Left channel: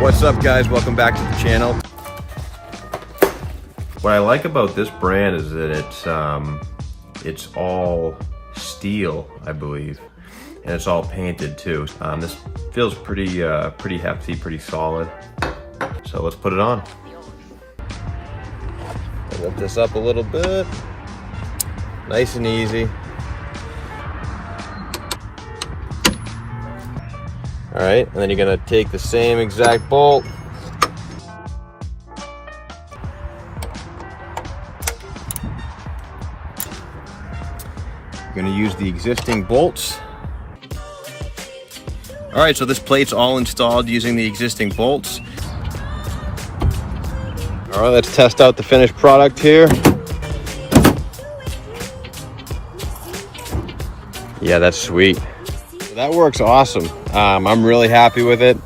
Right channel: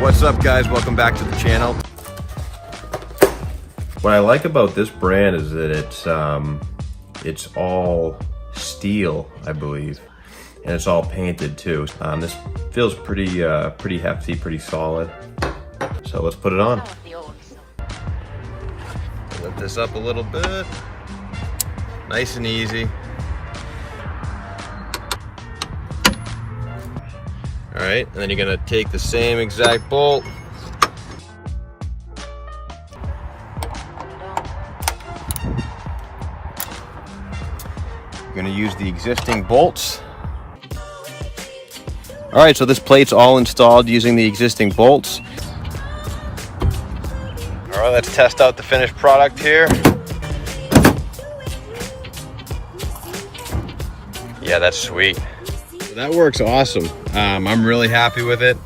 What's up, guys? Welcome back to the channel. What I like about this brand is that it's all steel, I believe, and it's all painted too. This feels pretty hefty, pretty solid. So let's put it on. Lift this up a little bit, nice and easy. All right, and then you're gonna take the same exact bolt. You're gonna use the existing bolts. All right, so this plate's all installed using the existing bolts. All right, let's test out the finished product here. Yeah, that's sweet. That works awesome. I'm really happy with it.